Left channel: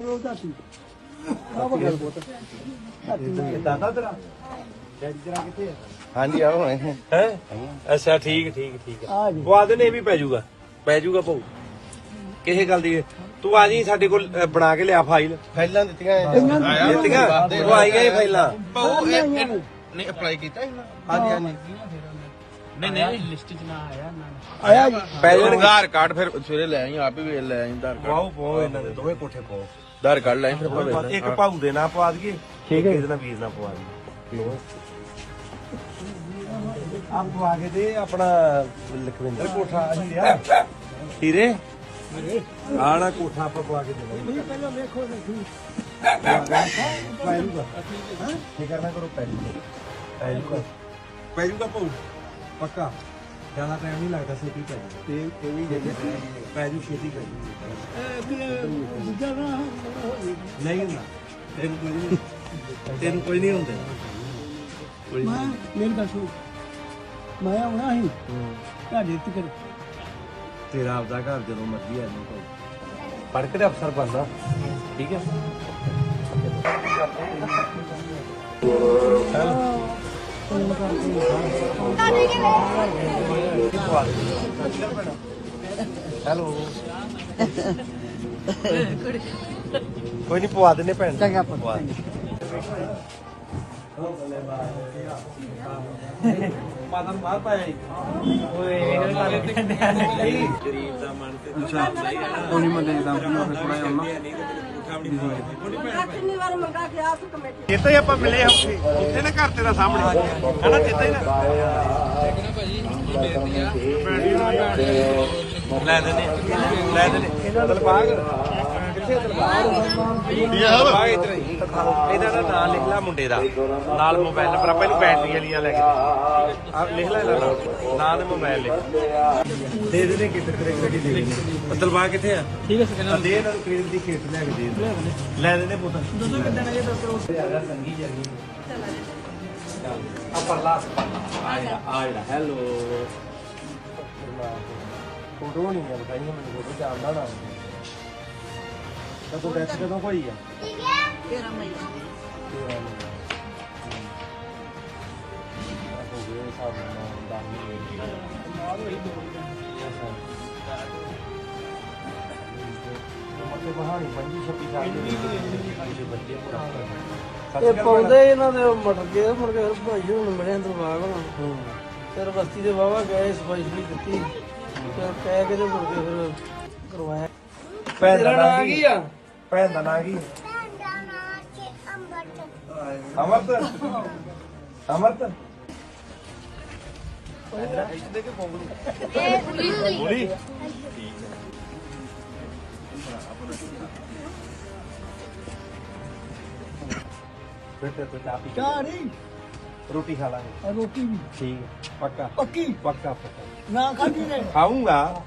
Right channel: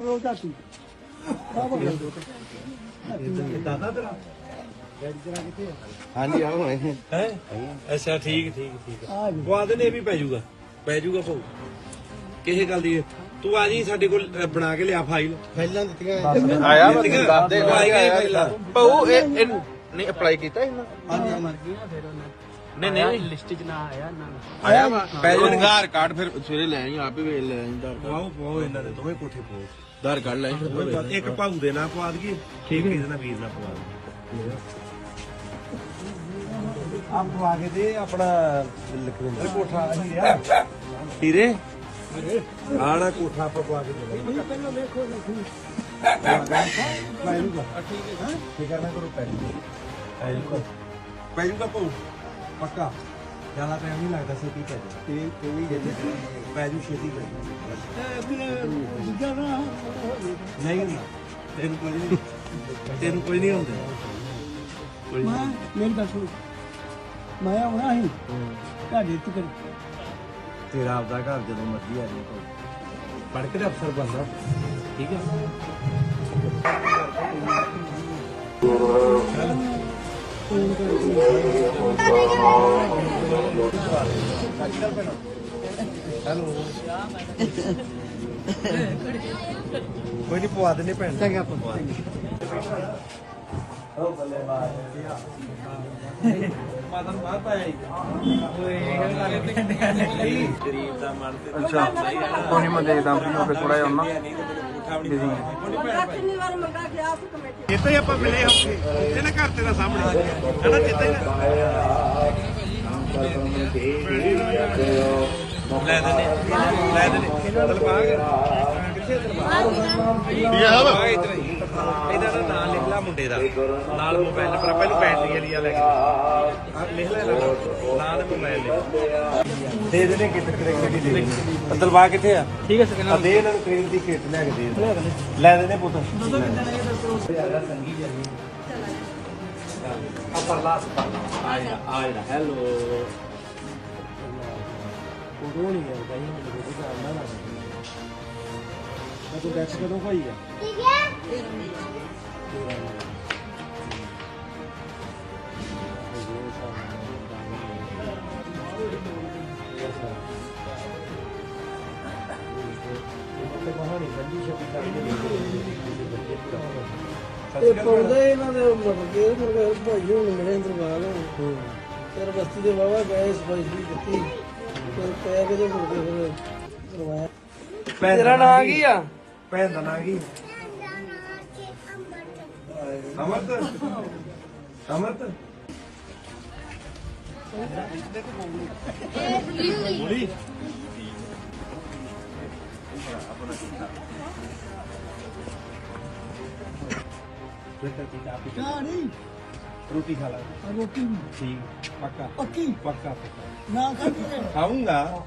ਰੋਜ਼ ਸੀ ਦਾਦਾ ਤੇਰਾ ਡੈਡੀ ਤੇਰਾ ਕਿੱਥੇ ਹਾਂਜੀ ਯਾਰ ਹੁਣੇ। ਹੈ? ਅੱਛਾ ਠੀਕ ਠੀਕ ਠੀਕ ਹੈ। ਆ ਜੀ। ਪਵਾ ਦੇ ਨੇ ਇਹ ਵੀ ਪੈ ਜਾਊਗਾ। ਪੈ ਜਾਊਗਾ ਭਾਊ। ਕਿਸੇ ਗੱਲ ਦੀ ਤੂੰ ਆ ਜੀ ਸਾਡੇ ਕੋਲ ਅ, ਬਣਾ ਕੇ ਲਿਆ ਫਾਈਲ। ਫਾਈਲਾਂ ਦਿੱਤੀਆਂ ਆਇਆ? ਦਿੱਤੀਆਂ? ਉਹ ਆਈ ਗਏ ਫਾਈਲਾਂ। ਉਹ ਨੇ ਅਪਲਾਈ ਕੀਤਾ ਹਾਂਜੀ ਹਾਂਜੀ। ਨਹੀਂ ਨਹੀਂ। ਲਿਸਟਿਕ ਨਾ ਆਇਆ ਆਇਆ ਜੀ ਪੈ ਜਾਣਗੇ। ਆਧਾਰ ਕਾਰਡ ਫਿਰ ਸਵੇਰੇ ਲੈ ਆਏਗੇ ਆਪ ਹੀ ਵੇਖ ਲੈ ਆਏਗੇ ਆਧਾਰ ਵਾਓ ਪਾਓ ਇਹਨਾਂ ਦੇ ਦੋਵੇਂ ਕੋਠੇ ਪਾਓ। ਆਧਾਰ ਕਾਰਡ ਲੈ ਇੱਕ ਭਾਊ ਦੇ ਨਾਂ ਪਵਾ ਦਈਏ ਠੀਕ ਹੈ ਇਹਦੇ ਨਾਲ ਵੀਰ ਨਾਲ ਪਵਾ ਦਈਏ ਆਪ ਪਵਾ ਕੇ ਤੇ ਆਪਣਾ ਲਖਵਿੰਦਰ ਕੋਠਾ ਹੀਰਿਆ ਹੀਰੇ ਆਣਾ ਕੋਠਾ ਆਪਾਂ ਪਵਾ ਕੇ ਦੇ ਪਹਿਲਾਂ ਵੇਖੋ ਲਿਖੀ ਪੈਜੂਗਾ ਫਿਕਰ ਨਾ ਕਰੋ ਪੈਜੂਗਾ ਪੈਜੂਗਾ ਪੈਜੂਗਾ ਭਾਊ ਪੱਕਾ ਜ਼ਿਆਦਾ ਟਾਈਮ ਨਹੀਂ ਲੱਗਦਾ ਛੇਤੀ ਪੈਜੂਗਾ ਤੇ ਇਹ ਵੀ ਜੇ ਪੈਜੂ ਛੇਤੀ ਦੂਜਾ ਨਾ ਹੋ ਜੇ ਨਹੀਂ ਹੁੰਦਾ। ਤੈਨੂੰ ਕੁਝ ਨਹੀਂ ਤੈਨੂੰ ਕੁਝ ਨਹੀਂ ਹੁੰਦਾ। ਕੁਝ ਮੈਂ ਨਹੀਂ ਮੇਰੀ ਗੱਲ ਸੁਣ। ਮੈਂ ਆਉਣਾ ਸੀ। ਤੁਹਾਡੇ ਤੱਕ ਤੇਰਾ ਆਪਦਾ ਘਰ ਜਦੋਂ ਮਰਜ਼ੀ ਆ ਜਾਈਂ ਭਾਊ ਪੜ੍ਹ ਕੇ ਤੇ ਅਫਸਰ ਬਣਨਾ ਠੀਕ ਹੈ। ਹੈਲੋ ਕੋਈ ਨਹੀਂ ਪਵਾ ਦਿੰਦੇ ਭੈਣ ਚੰਗਾ ਪਵਾ ਦਿੰਦੇ। ਮਾਤਾ ਨੂੰ ਬਾਹਰ ਪਾਇਆ ਓਏ ਇਹ ਗੱਲ ਗਰੀਬ ਦਾ ਮਨ ਤੇ ਚਾਹਦਾ ਹੀ ਹੈ ਨਹੀਂ ਮੈਂ ਦੇਖਦਾ ਮੈਂ ਫਿਰ ਥੋੜਾ ਜਿਹਾ ਕਿੰਨੀ ਵਾਰ ਮੰਗਾ ਗਿਆ ਉਸ ਕਮੇਟੀ ਇੱਥੇ ਹੀ ਆਪਾਂ ਮਿਲੇ ਹਾਂ ਉੱਥੇ। ਨਾ ਘਰ ਤੇਰਾ ਸਾਹਮਣੇ। ਹਨਾ ਹੀ ਨਾ। ਲੈ ਦੇਨੇ ਲੈ ਦੇਨੇ ਦਲਬਾਗ ਕਿੱਥੇ ਦਲਬਾਗ ਦਲਬਾਗ ਇਧਰ ਹੀ ਇਹਦਾ ਨਾ ਨਾਂ ਲਿਖ ਲੈ ਮੁੰਡੇ ਦਾ। ਨਾਲ ਮੋਬਾਈਲ ਨੰਬਰ ਆਪਾਂ ਇਹਨੂੰ ਬੈਟਰੀ ਵਾਲੀਆਂ ਲੈ ਕੇ ਆ ਲਿਖ ਲੈ ਇਹਦਾ ਨਾਂ। ਨਾਂ ਤੇ ਮੋਬਾਈਲ ਲਿਖ। ਦੇ ਦੇਨੇ ਕਿੱਧਰ ਕ੍ਰੈਡਿਟ ਦੇ ਦੇਨੇ ਦਲਬਾਗ ਕਿੱਥੇ ਆ? ਠੀਕ ਹੈ ਸਕਿਨ ਆ ਦੇ ਇਹਨਾਂ ਨੂੰ ਕ੍ਰੈਡਿਟ ਦੀ ਖੇਤ ਲੈ ਕੇ ਦੇ ਦੇ। ਲੈ ਦੇਨੇ ਪੁੱਤ। ਦੋਦੋਂ ਕਿੱਦਾਂ ਨੇ ਦੱਸੋ ਜ਼ਿਆਦਾ ਸੰਗੀ ਜਗੀ ਆ ਪਰਲਾ ਪਰਲਾ। ਆ ਜਿਹੜਾ ਆ ਜਿਹੜਾ ਹੈਲੋ। ਨਹੀਂ ਇਹ ਮੈਨੂੰ ਫੋਟੋ ਜਾਣਦਾ ਨਾ ਤੂੰ ਡੈਥ ਕਦੋਂ ਹੋਈ ਆ? ਇਹ ਪੌਦੇ ਇਹਨਾਂ ਦੇ ਮਰ ਗਏ ਮਰ ਗਏ ਭਾਈ ਹੁਣ ਮਿਲੇ ਦਰਬਾਰ ਹੁਣ ਫਿਰ ਬਸਤੀ ਦੇ ਵਾਵਾ ਗਏ ਸਪੈਸ਼ਲੀ ਦਿੱਤੀ ਫਿਰ ਕਹਿ ਕੇ ਤੇ ਮੁੜ ਕੇ ਫਿਰ ਕਰਵਾਇਆ ਭੈਣ ਤੇਰਾ ਦਾ ਨਾਂ ਨਾਂ ਕੀ ਆ? ਭੈਣ ਦਾ ਨਾਂ ਕੀ? ਅਮਰਤ। ਅਮਰਤ। ਬੋਲੀ। ਬੇਟਾ ਤੂੰ ਚਾਹ ਪੀ ਚਾਹ ਨਹੀਂ। ਰੋਟੀ ਖਾ ਲਾਂਗੇ। ਰੋਟੀ ਵੀ। ਠੀਕ ਪੱਕਾ। ਪੱਕੀ? ਪੱਕਾ ਪੱਕਾ। ਨਾ ਖਾਦੀ ਨੇ ਖਾਊਂਗਾ।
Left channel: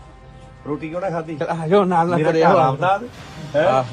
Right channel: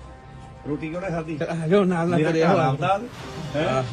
ਰੋਟੀ ਕਿਉਂ ਨਾ ਖਾਦੀ ਆਜੋ ਨਾਲ ਮੇਰਾ ਘਰ ਆਪਦਾ ਹੈ?